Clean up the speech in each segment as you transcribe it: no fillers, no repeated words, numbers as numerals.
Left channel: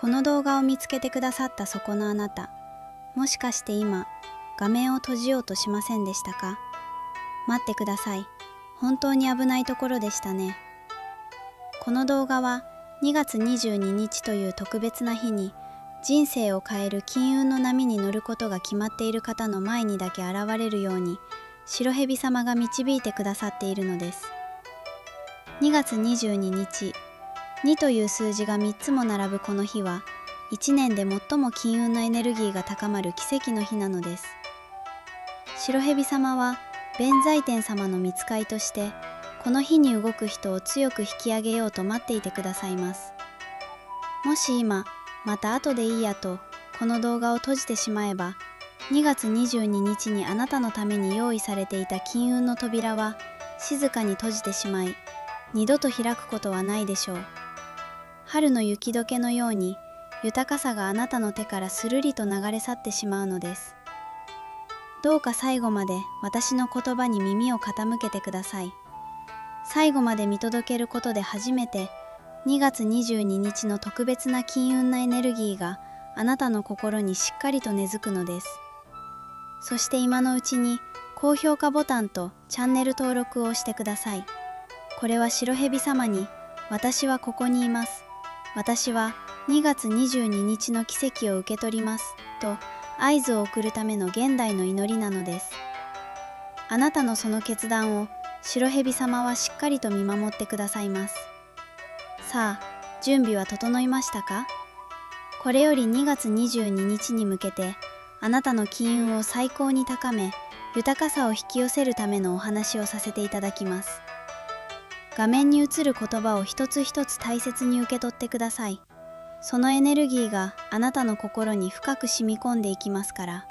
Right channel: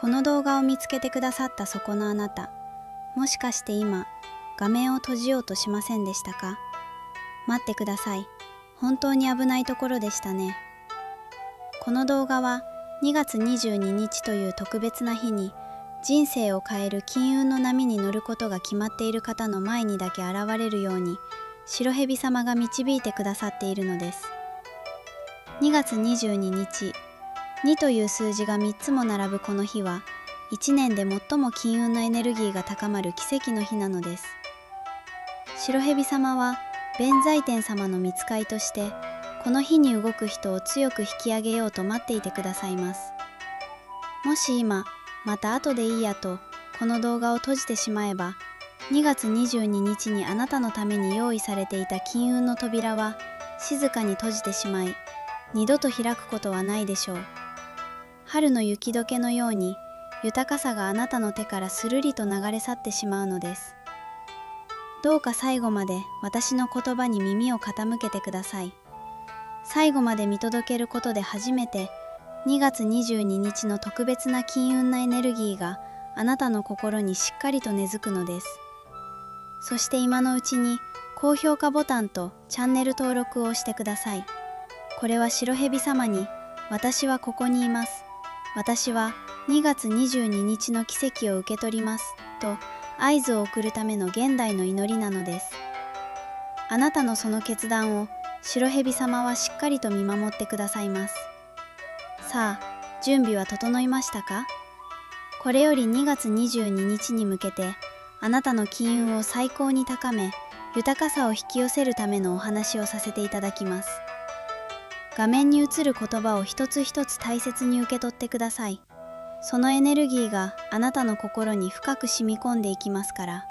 この動画を見つけてくださったそこのあなた、もしかして今、画面を閉じようとしませんでしたか？待ってください。本当に危ないところでしたね。この動画は2月22日という特別な日に、人生を変える金運の波に乗ることが決まっている方の前にだけ現れるように、白蛇様が導いてくださっているのです。2月22日、2という数字が3つも並ぶこの日は、1年で最も金運のエネルギーが高まる奇跡の日なのです。白蛇様は、弁財天様の御使いとして、この日に動く人を強く引き上げようと待っていてくださいます。もし今、また後でいいやと、この動画を閉じてしまえば、2月22日にあなたのために用意されていた金運の扉は、静かに閉じてしまい、二度と開くことはないでしょう。春の雪解けのように、豊かさがあなたの手からするりと流れ去ってしまうのです。どうか最後まで私の言葉に耳を傾けてください。最後まで見届けることで初めて、2月22日の特別な金運なエネルギーがあなたの心にしっかりと根付くのです。そして今のうちに高評価ボタンとチャンネル登録を押してください。これは白蛇様に、私はここにいます。私は2月22日の奇跡を受け取ります。と合図を送るための現代の祈りなのです。あなたのその決断を白蛇様はしっかりと見守ってくださいます。さあ、準備は整いましたか？これより2月22日に向けて、あなたの金運を最高に高め、豊かさを引き寄せるためのお話をさせていただきます。画面に映る言葉を一つ一つ大切に受け取ってください。そのエネルギーがあなたの心に深く染み込んでいきますから。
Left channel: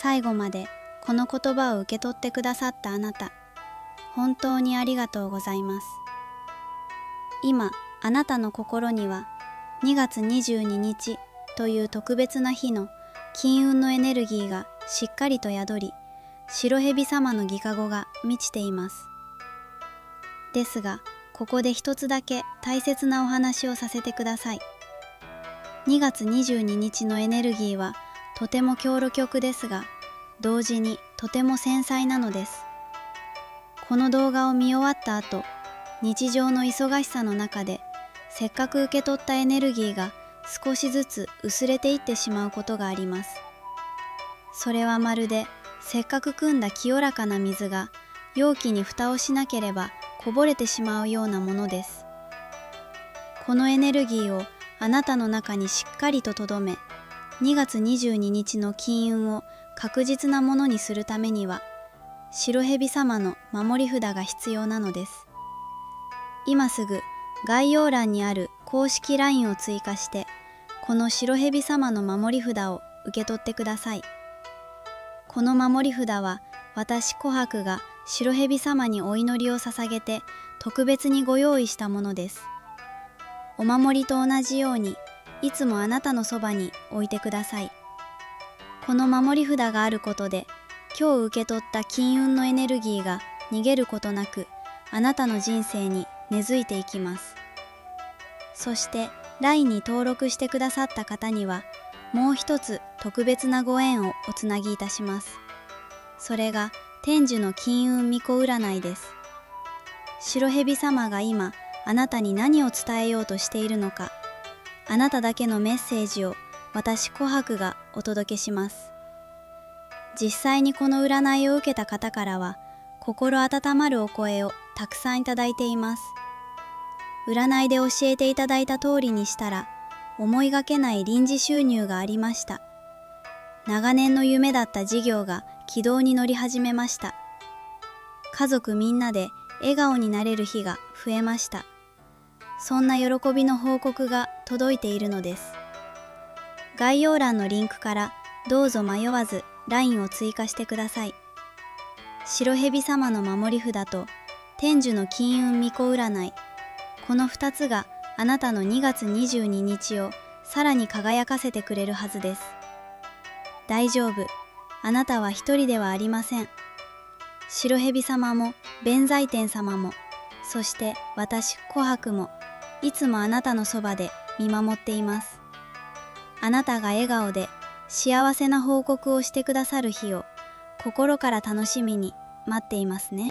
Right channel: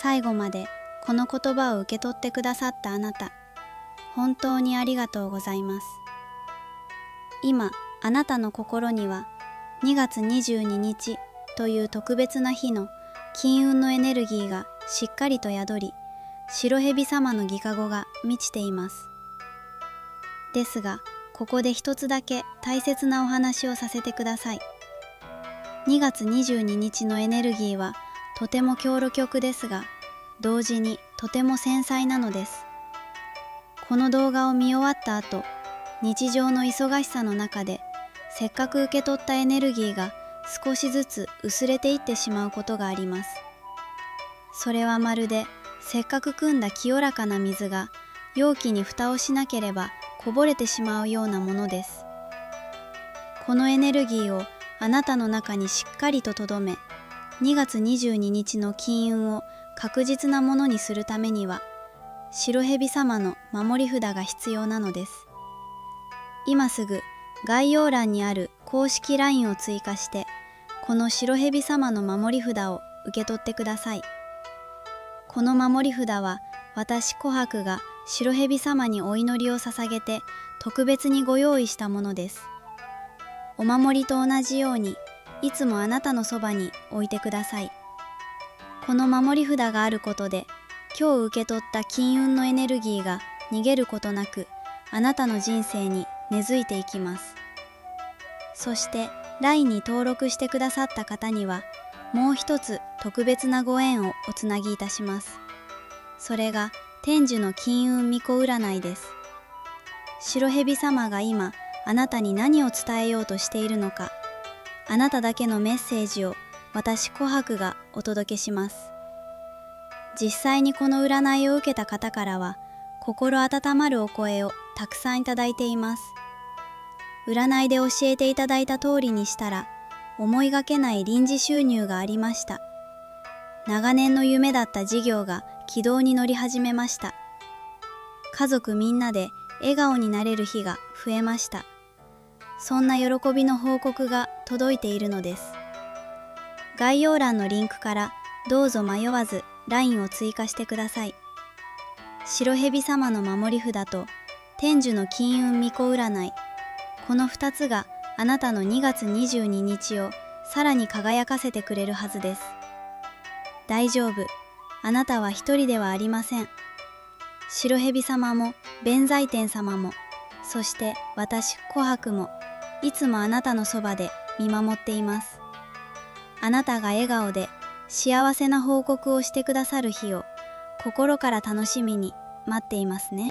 最後までこの言葉を受け取ってくださったあなた、本当にありがとうございます。今、あなたの心には2月22日という特別な日の金運のエネルギーがしっかりと宿り、白蛇様の御加護が満ちています。ですが、ここで一つだけ大切なお話をさせてください。2月22日のエネルギーはとても強力ですが、同時にとても繊細なのです。この動画を見終わった後、日常の忙しさの中で、せっかく受け取ったエネルギーが少しずつ薄れていってしまうことがあります。それはまるで、せっかく汲んだ清らかな水が容器に蓋をしなければこぼれてしまうようなものです。このエネルギーをあなたの中にしっかりと留め、2月22日の金運を確実なものにするためには、白蛇様の守り札が必要なのです。今すぐ概要欄にある公式 LINE を追加して、この白蛇様の守り札を受け取ってください。この守り札は私琥珀が白蛇様にお祈りを捧げて特別にご用意したものです。お守りと同じようにいつもあなたのそばに置いてください。この守り札があることで、今日受け取った金運のエネルギーが逃げることなくあなたの人生に根付いていきます。そして LINE に登録してくださった方にはもう一つ特別なご縁をおつなぎいたします。それが天寿の金運巫女占いです。白蛇様が今あなたに何を伝えようとしているのか、あなただけのメッセージを私琥珀がお届けします。実際にこの占いを受けた方からは心温まるお声をたくさんいただいています。占いで教えていただいた通りにしたら思いがけない臨時収入がありました。長年の夢だった事業が軌道に乗り始めました。家族みんなで笑顔になれる日が増えました。そんな喜びの報告が届いているのです。概要欄のリンクからどうぞ迷わず LINE を追加してください。白蛇様の守り札と天寿の金運巫女占い、この2つがあなたの2月22日をさらに輝かせてくれるはずです。大丈夫。あなたは一人ではありません。白蛇様も弁財天様も、そして私琥珀もいつもあなたのそばで見守っています。あなたが笑顔で幸せな報告をしてくださる日を心から楽しみに待っていますね。